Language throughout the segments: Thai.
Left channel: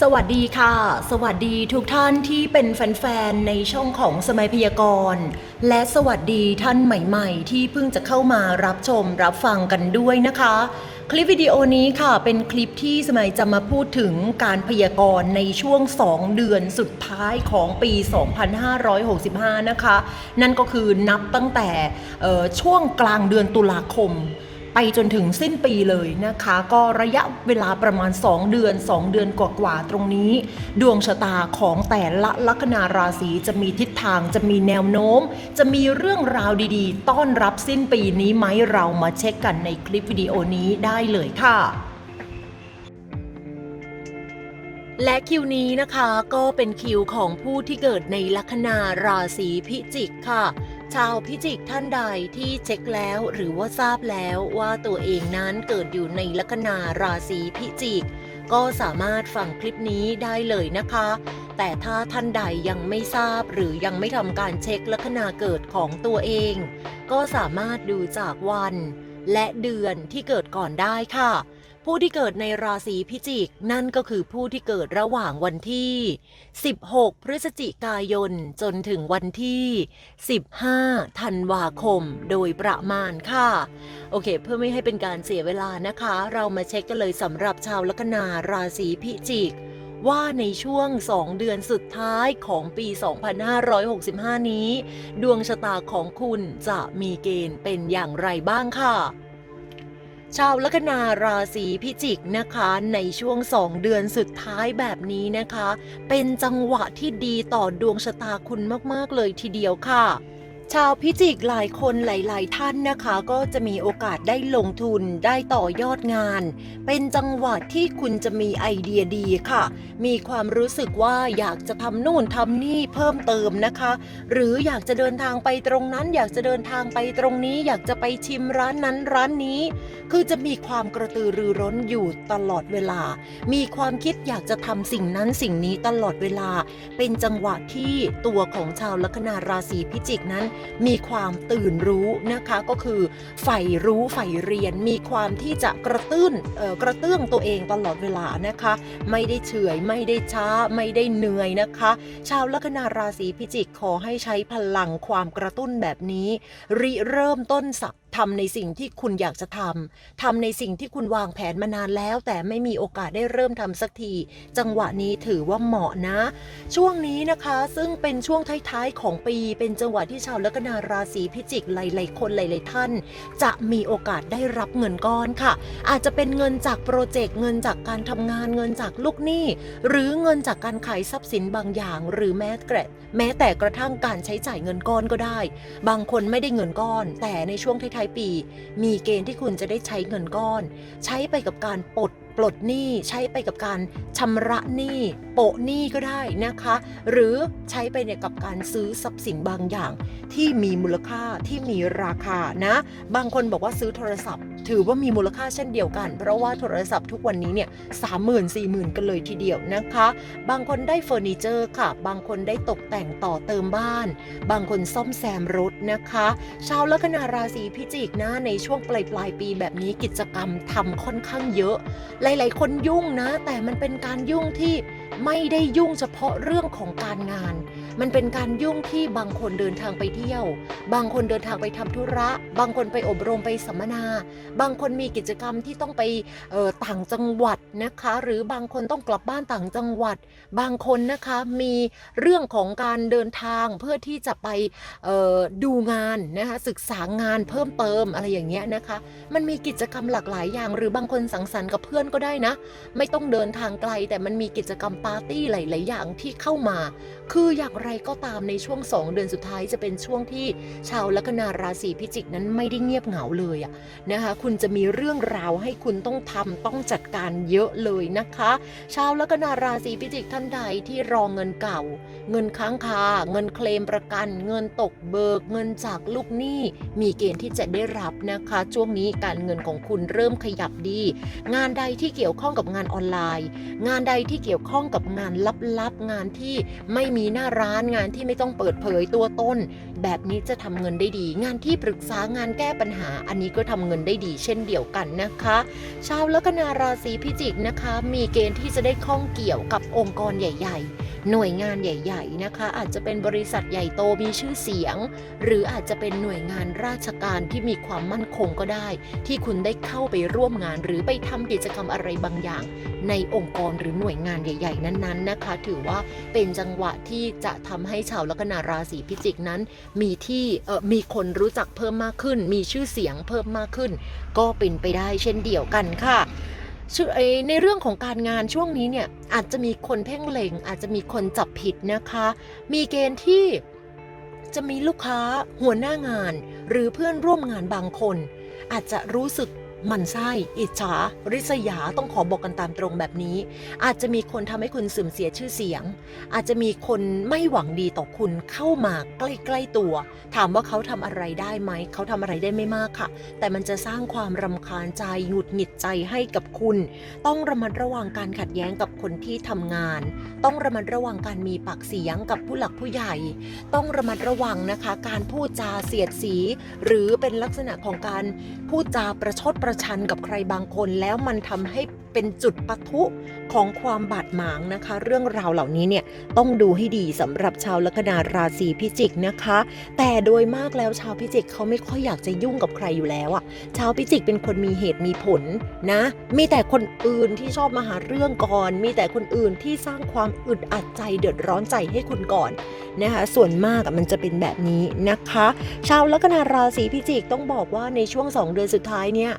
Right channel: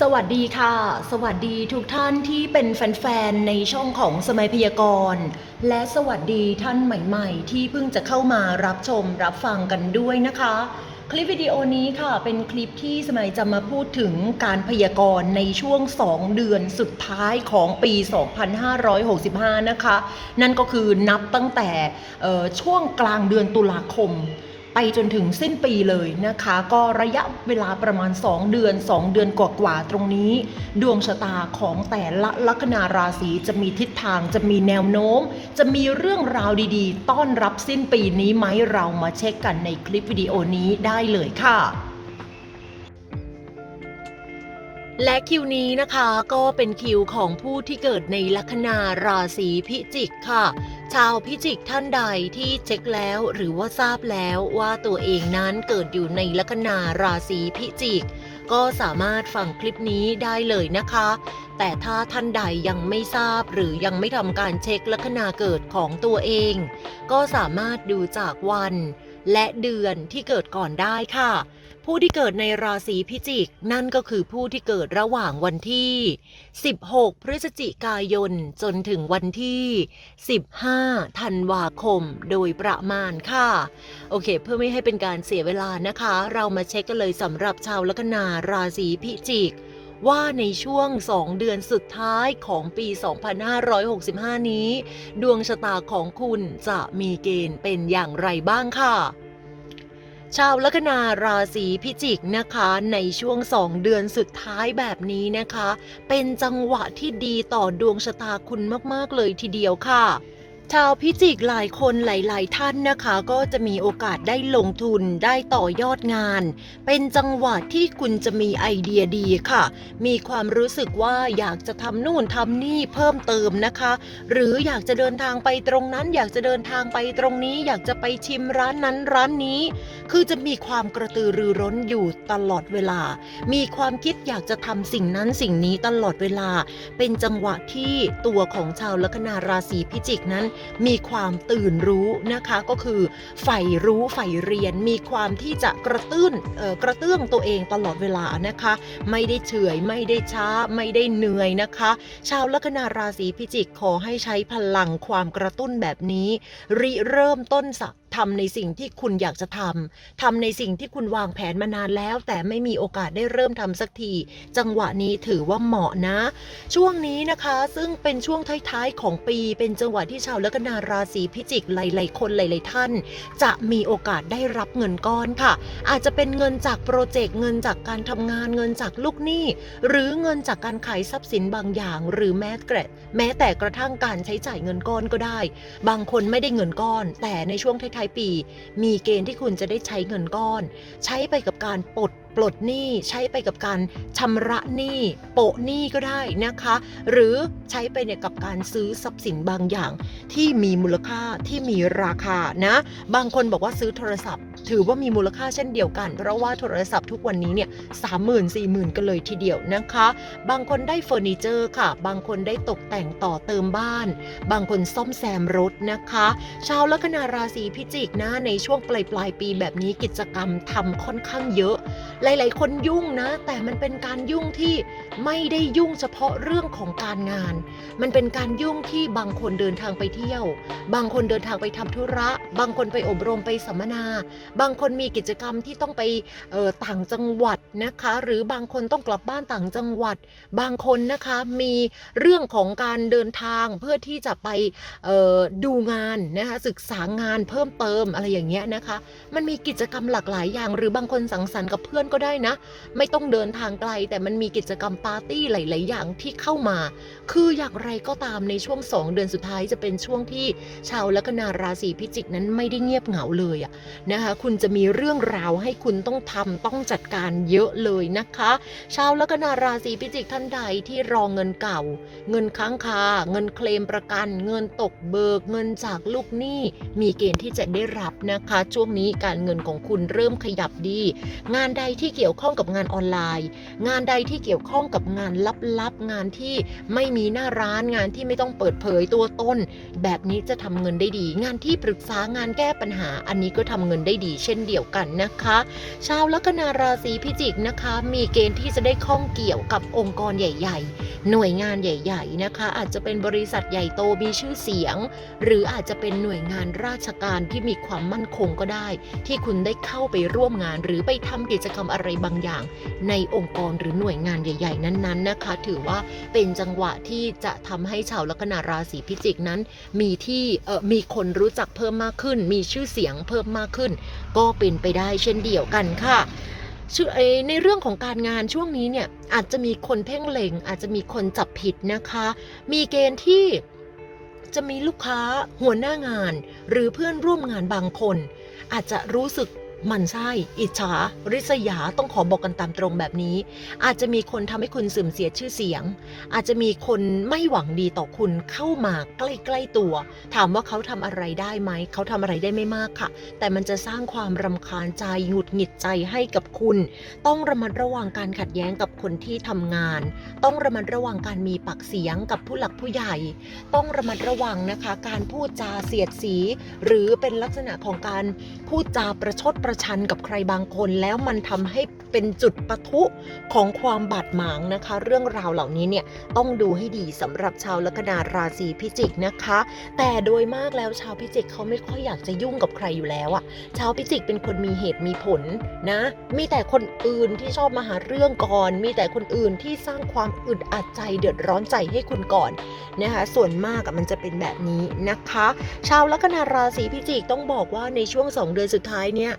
สวัสดีค่ะ สวัสดีทุกท่านที่เป็นแฟนๆ ในช่องของสมัยพยากรณ์ และสวัสดีท่านใหม่ๆ ที่เพิ่งจะเข้ามารับชมรับฟังกันด้วยนะคะ คลิปวิดีโอนี้ค่ะเป็นคลิปที่สมัยจะมาพูดถึงการพยากรณ์ในช่วง 2 เดือนสุดท้ายของปี 2565 นะคะ นั่นก็คือนับตั้งแต่ช่วงกลางเดือนตุลาคม ไปจนถึงสิ้นปีเลยนะคะ ก็ระยะเวลาประมาณ 2 เดือน 2 เดือนกว่าๆตรงนี้ ดวงชะตาของแต่ละลัคนาราศีจะมีทิศทางจะมีแนวโน้ม จะมีเรื่องราวดีๆ ต้อนรับสิ้นปีนี้ไหมเรามาเช็คกันในคลิปวิดีโอนี้ได้เลยค่ะและคิวนี้นะคะก็เป็นคิวของผู้ที่เกิดในลัคนาราศีพิจิกค่ะ ชาวพิจิกท่านใดที่เช็คแล้วหรือว่าทราบแล้วว่าตัวเองนั้นเกิดอยู่ในลัคนาราศีพิจิก ก็สามารถฟังคลิปนี้ได้เลยนะคะ แต่ถ้าท่านใดยังไม่ทราบหรือยังไม่ทำการเช็คลัคนาเกิดของตัวเอง ก็สามารถดูจากวัน และเดือนที่เกิดก่อนได้ค่ะ ผู้ที่เกิดในราศีพิจิก นั่นก็คือผู้ที่เกิดระหว่างวันที่ 16 พฤศจิกายน จนถึงวันที่ 15 ธันวาคม โดยประมาณค่ะ โอเค เพื่อไม่ให้เป็นการเสียเวลานะคะ เรามาเช็คกันเลยสำหรับชาวลัคนาราศีพิจิกว่าในช่วง 2 เดือนสุดท้ายของปี 2565 นี้ ดวงชะตาของคุณจะมีเกณฑ์เป็นอย่างไรบ้างค่ะ ชาวลัคนาราศีพิจิกนะคะ ในช่วงสองเดือนสุดท้ายแบบนี้นะคะ เป็นจังหวะที่ดีต่อดวงชะตาคุณมาก ๆ เลยทีเดียวค่ะ ชาวพิจิกหลายคนหลาย ๆ ท่านนะคะ ก็จะมีโอกาสได้ลงทุนได้ต่อยอดงาน เป็นจังหวะที่คุณจะมีไอเดียดีค่ะ มีความรู้สึกว่าอยากจะทำนู่นทำนี่เพิ่มเติมนะคะ หรืออยากจะเดินทางไปตรงนั้น อยากจะเดินทางไปตรงนี้ อยากจะไปชิมร้านนั้นร้านนี้ คือจะมีความกระตือรือร้นอยู่ตลอดเวลา มีความคิดอยากจะทำสิ่งนั้นสิ่งนี้ตลอดเวลา เป็นจังหวะที่ตัวของชาวลัคนาราศีพิจิกนั้นมีความตื่นรู้นะคะก็คือใฝ่รู้ใฝ่เรียน มีความที่จะกระตุ้นกระเตื้องตัวเองตลอดเวลานะคะ ไม่ได้เฉยไม่ได้ช้าไม่ได้เหนื่อยนะคะ ชาวลัคนาราศีพิจิกขอให้ใช้พลังความกระตุ้นแบบนี้ ริเริ่มต้นสักทำในสิ่งที่คุณอยากจะทำ ทำในสิ่งที่คุณวางแผนมานานแล้ว แต่ไม่มีโอกาสได้เริ่มทำสักที จังหวะนี้ถือว่าเหมาะนะ ช่วงนี้นะคะ ซึ่งเป็นช่วงท้ายๆของปี เป็นจังหวะที่ชาวลัคนาราศีพิจิกหลายๆคนหลายๆท่าน จะมีโอกาสได้รับเงินก้อนค่ะ อาจจะเป็นเงินจากโปรเจกต์เงินจากการทำงานเงินจากลูกหนี้ หรือเงินจากการขายทรัพย์สินบางอย่าง หรือแม้แต่แม้แต่กระทั่งการใช้จ่ายเงินก้อนก็ได้ บางคนไม่ได้เงินก้อน แต่ในช่วงท้ายๆปี มีเกณฑ์ที่คุณจะได้ใช้เงินก้อน ใช้ไปกับการปลด ปลดหนี้ใช้ไปกับการชำระหนี้โปะหนี้ก็ได้นะคะ หรือใช้ไปเนี่ยกับการซื้อทรัพย์สินบางอย่าง ที่มีมูลค่าที่มีราคานะ บางคนบอกว่าซื้อโทรศัพท์ ถือว่ามีมูลค่าเช่นเดียวกัน เพราะว่าโทรศัพท์ทุกวันนี้เนี่ยสามหมื่นสี่หมื่นกันเลยทีเดียวนะคะ บางคนได้เฟอร์นิเจอร์ค่ะ บางคนได้ตกแต่งต่อเติมบ้าน บางคนซ่อมแซมรถนะคะชาวลัคนาราศีพิจิกนะในช่วงปลายปลายปีแบบนี้กิจกรรมทำค่อนข้างเยอะหลาย ๆ คนยุ่งนะ แต่มันเป็นการยุ่งที่ไม่ได้ยุ่งเฉพาะเรื่องของการงาน มันเป็นการยุ่งที่บางคนเดินทางไปเที่ยว บางคนเดินทางไปทำธุระ บางคนไปอบรมไปสัมมนา บางคนมีกิจกรรมที่ต้องไปออต่างจังหวัดนะคะ หรือบางคนต้องกลับบ้านต่างจังหวัด บางคนนะคะมีเรื่องของการเดินทางเพื่อที่จะไปออดูงานนะคะศึกษางานเพิ่มเติมอะไรอย่างเงี้ยนะคะ มันมีกิจกรรมหลากหลายอย่าง หรือบางคนสังสรรค์กับเพื่อนก็ได้นะ ไม่ต้องเดินทางไกลแต่มันมีกิจกรรมปาร์ตี้หลาย ๆ อย่างที่เข้ามา คืออย่างไรก็ตามในช่วง2เดือนสุดท้ายจะเป็นช่วงที่ชาวลัคนาราศีพิจิกนั้นไม่ได้เงียบเหงาเลยอะนะคะ คุณจะมีเรื่องราวให้คุณต้องทำต้องจัดการเยอะเลยนะคะ ชาวลัคนาราศีพิจิกท่านใดที่รองเงินเก่า เงินค้างคา เงินเคลมประกัน เงินตกเบิก เงินจากลูกหนี้มีเกณฑ์ที่จะได้รับนะคะ ช่วงนี้การเงินของคุณเริ่มขยับดี งานใดที่เกี่ยวข้องกับงานออนไลน์ งานใดที่เกี่ยวข้องกับงานลับๆงานที่ไม่มีหน้าร้านานงานที่ไม่ต้องเปิดเผยตัวตนแบบนี้จะทำเงินได้ดี งานที่ปรึกษางานแก้ปัญหา อันนี้ก็ทำเงินได้ดี เช่นเดียวกันนะคะ ชาวลัคนาราศีพิจิกนะคะ มีเกณฑ์ที่จะได้ข้องเกี่ยวกับองค์กรใหญ่ ๆ หน่วยงานใหญ่ ๆ นะคะ อาจจะเป็นบริษัทใหญ่โตมีชื่อเสียง หรืออาจจะเป็นหน่วยงานราชการที่มีความมั่นคงก็ได้ ที่คุณได้เข้าไปร่วมงาน หรือไปทำกิจกรรมอะไรบางอย่าง ในองค์กรหรือหน่วยงานใหญ่ ๆ นั้นๆนะคะ ถือว่าเป็นจังหวะที่จะทำให้ชาวลัคนาราศีพิจิกนั้น มีที่เออมีคนรู้จักเพิ่มมากขึ้น มีชื่อเสียงเพิ่มมากขึ้น ก็เป็นไปได้เช่นเดียวกันค่ะ ในเรื่องของการงานช่วงนี้เนี่ยอาจจะมีคนเพ่งเล็ง อาจจะมีคนจับผิดนะคะ มีเกณฑ์ที่จะมีลูกค้าหัวหน้างาน หรือเพื่อนร่วมงานบางคน อาจจะรู้สึก มันไส้อิจฉา ริษยาต้องขอบอกกันตามตรงแบบนี้ อาจจะมีคนทำให้คุณเสื่อมเสียชื่อเสียง อาจจะมีคนไม่หวังดีต่อคุณเข้ามาใกล้ๆตัว ถามว่าเขาทำอะไรได้ไหม เขาทำอะไรได้ไม่มากค่ะ แต่มันจะสร้างความรำคาญใจหงุดหงิดใจให้กับคุณ ต้องระมัดระวังการขัดแย้งกับคนที่ทำงาน ต้องระมัดระวังการมีปากเสียงกับผู้หลักผู้ใหญ่ ต้องระมัดระวังนะคะ การพูดจาเสียดสี หรือเป็นลักษณะของการพูดจาประชดประชันกับใครบางคนแล้วมันทำให้เป็นจุดปะทุของความบาดหมางนะคะ เรื่องราวเหล่านี้เนี่ยต้องดูให้ดีสำหรับชาวลัคนาราศีพิจิกนะคะ แต่โดยมากแล้วชาวพิจิกเขาไม่ค่อยอยากจะยุ่งกับใครอยู่แล้วอะชาวพิจิกเป็นคนมีเหตุมีผลนะ มีแต่คนอื่นที่ชอบมาหาเรื่องก่อน มีแต่คนอื่นที่สร้างความอึดอัดใจเดือดร้อนใจให้คุณก่อนนะคะส่วนมากมันจะเป็นแบบนี้นะคะ ชาวลัคนาราศีพิจิกต้องบอกว่าในช่วง 2 เดือนสุดท้ายเนี่ย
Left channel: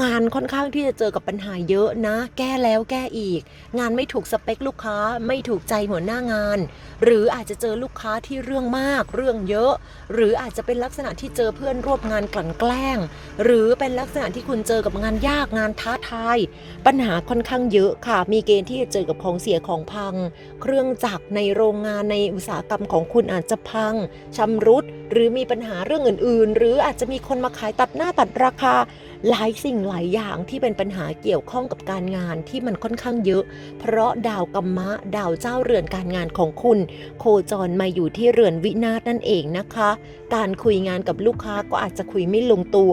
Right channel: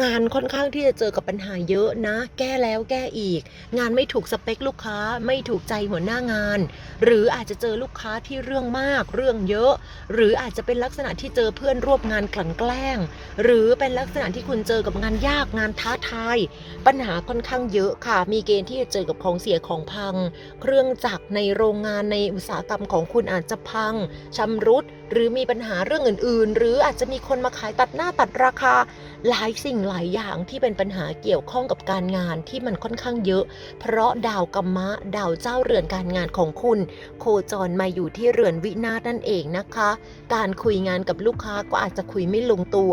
งานค่อนข้างที่จะเจอกับปัญหาเยอะนะ แก้แล้วแก้อีก งานไม่ถูกสเปคลูกค้า ไม่ถูกใจหัวหน้างาน หรืออาจจะเจอลูกค้าที่เรื่องมาก เรื่องเยอะ หรืออาจจะเป็นลักษณะที่เจอเพื่อนร่วมงานกลั่นแกล้ง หรือเป็นลักษณะที่คุณเจอกับงานยากงานท้าทาย ปัญหาค่อนข้างเยอะค่ะ มีเกณฑ์ที่จะเจอกับของเสียของพัง เครื่องจักรในโรงงานในอุตสาหกรรมของคุณอาจจะพังชำรุด หรือมีปัญหาเรื่องอื่นๆ หรืออาจจะมีคนมาขายตัดหน้าตัดราคาหลายสิ่งหลายอย่างที่เป็นปัญหาเกี่ยวข้องกับการงานที่มันค่อนข้างเยอะ เพราะดาวกัมมะ ดาวเจ้าเรือนการงานของคุณ โคจรมาอยู่ที่เรือนวินาศนั่นเองนะคะ การคุยงานกับลูกค้าก็อาจจะคุยไม่ลงตัว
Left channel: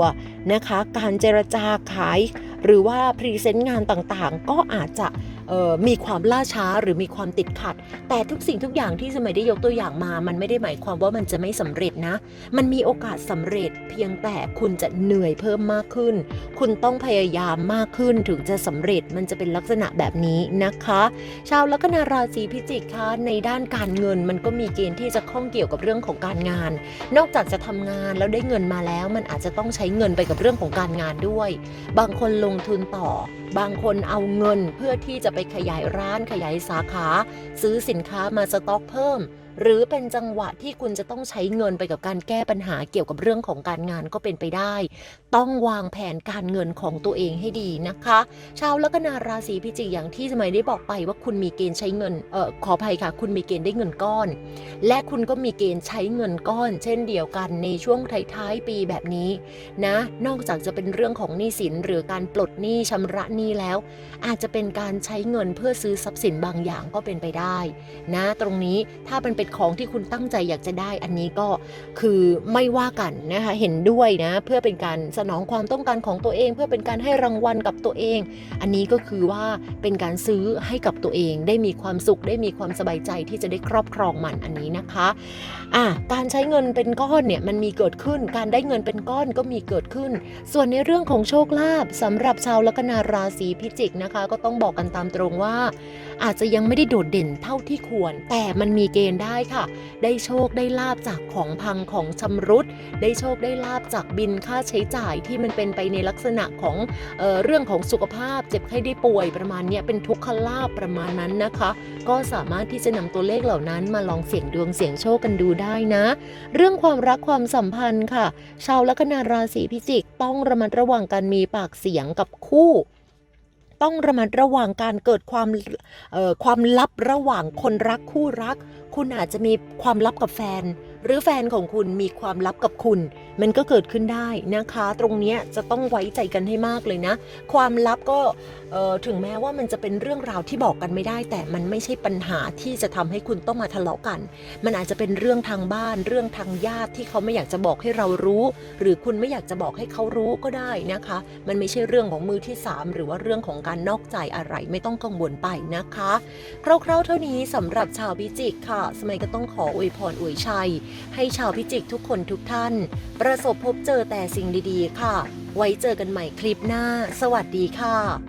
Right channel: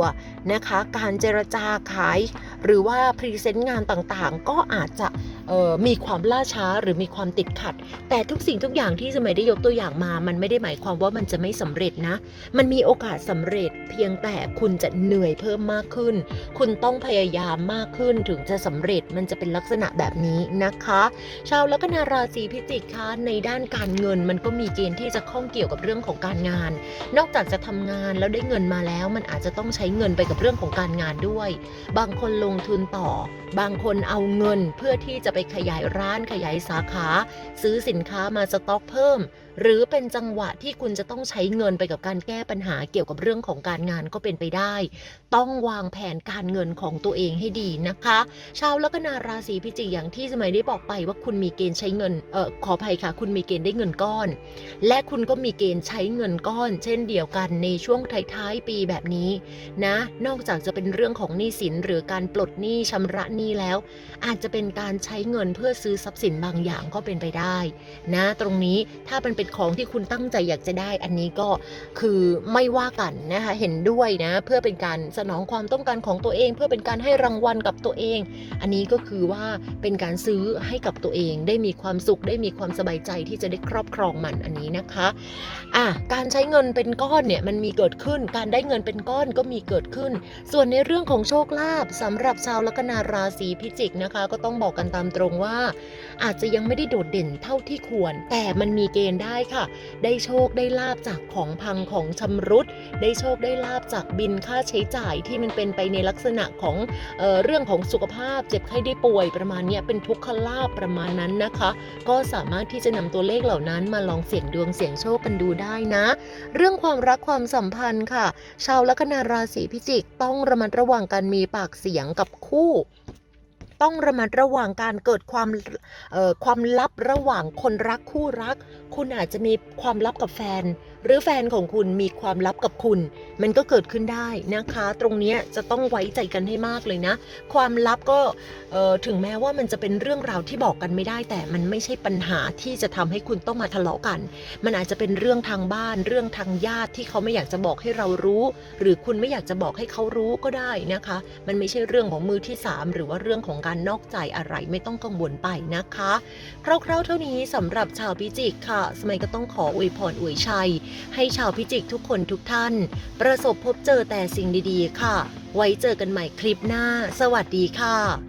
นะคะ การเจรจาขาย หรือว่าพรีเซนต์งานต่างๆ ก็อาจจะ มีความล่าช้าหรือมีความติดขัด แต่ทุกสิ่งทุกอย่างที่สมัยได้ยกตัวอย่างมา มันไม่ได้หมายความว่ามันจะไม่สำเร็จนะ มันมีโอกาสสำเร็จ เพียงแต่คุณจะเหนื่อยเพิ่มมากขึ้น คุณต้องพยายามมากขึ้นถึงจะสำเร็จมันจะเป็นลักษณะแบบนี้นะคะ ชาวลัคนาราศีพิจิกคะในด้านการเงินมันก็มีเกณฑ์ที่จะข้องเกี่ยวกับเรื่องของการงาน นอกจากจะทำงานแล้วได้เงินมาแล้ว มันอาจจะต้องใช้เงินไปกับเรื่องของการงานด้วย บางคนลงทุนต่อ บางคนเอาเงินเพื่อที่จะไปขยายร้านขยายสาขา ซื้อสินค้ามาสต็อกเพิ่ม หรือเป็นจังหวะที่คุณจะต้องใช้เงินไปกับการแก้ปัญหาเกี่ยวกับเรื่องของการงานก็เป็นไปได้ ต้องวางแผนการเงินของตัวเองให้ดีนะคะชาวลัคนาราศีพิจิกอย่างที่สมัยได้บอกไปว่าคุณมีเกณฑ์ใช้เงินเออขออภัยค่ะ คุณมีเกณฑ์ได้เงินก้อน และคุณก็มีเกณฑ์ใช้เงินก้อน เช่นเดียวกันในช่วงท้ายๆปีแบบนี้นะนอกจากจะเป็นเรื่องของหนี้สินหรือการปลดหนี้ชำระหนี้แล้ว อาจจะเป็นการใช้เงินเพื่อซื้อทรัพย์สินบางอย่างก็เป็นไปได้ นะ ตรงนี้ถ้าเป็นเป็นของที่คุณตั้งใจอยากจะได้ อันนี้ก็คือไม่ว่ากันนะคะเห็นด้วยนะเพื่อเป็นการสนองความต้องการของตัวเอง เพื่อเป็นการให้รางวัลกับตัวเอง อันนี้ก็คือว่าเป็นการซื้อให้กับตัวเอง ได้มีความสุขได้มีความสบายใจที่จะได้ครอบครองมันอันนี้นะคะอะการใช้เงินเป็นก้อนเนี่ยมันมีเกิดขึ้น การได้เงินเป็นก้อนก็มีเกิดขึ้น ส่วนในเรื่องของโชคลาภสำหรับชาวลัคนาราศีพิจิกนะคะ ก็ต้องบอกกันตามตรงว่า อาจจะยังไม่ได้โดดเด่นเท่าที่ควร แต่มันมีเกณฑ์ได้ค่ะ ได้โชคได้ลาบจากของพังของชำรุด ได้โชคได้ลาบจากบินค่าใช้จ่ายที่มันเป็นไปในลักษณะของเออเรื่องของสุขภาพ เจ็บไข้ได้ป่วยประมาณนี้เป็นทุกขลาบประมาณนั้นนะคะ ก็สามารถที่จะนำตัวเลขเหล่านั้นมาลองเสี่ยงดวงเสี่ยงโชคกันดูได้นะ เรื่องความรักความสัมพันธ์ค่ะ ชาวลัคนาราศีพิจิกต้องระมัดระวังการมีปากเสียงกับคู่ ต้องระมัดระวังการเกิดความความลับระหว่างคนรักคู่รัก คุณอาจจะมีความลับกับแฟน หรือแฟนของคุณมีความลับกับคุณ มันก็เกิดขึ้นได้นะคะ ตรงนี้จะต้องไว้ใจกันให้มากเลยนะ ความลับก็ถึงแม้ว่ามันจะเป็นเรื่องราวที่บอกกันไม่ได้ แต่มันไม่ใช่ปัญหาที่จะทำให้คุณต้องมาทะเลาะกัน มันอาจจะเป็นเรื่องทางบ้าน เรื่องทางญาติที่เขาไม่อยากจะบอกให้เรารู้ หรือคุณไม่อยากจะบอกให้เขารู้ก็ได้นะคะ มันไม่ใช่เรื่องของมือที่สามหรือว่าเรื่องของการนอกใจอะไรไม่ต้องกังวลไปนะคะคร่าวๆเท่านี้สำหรับชาวพิจิกค่ะ สมัยก็ต้องขออวยพรอวยชัยให้ชาวพิจิกทุกคนทุกท่าน ประสบพบเจอแต่สิ่งดีๆ ค่ะ ไว้เจอกันใหม่คลิปหน้า สวัสดีค่ะ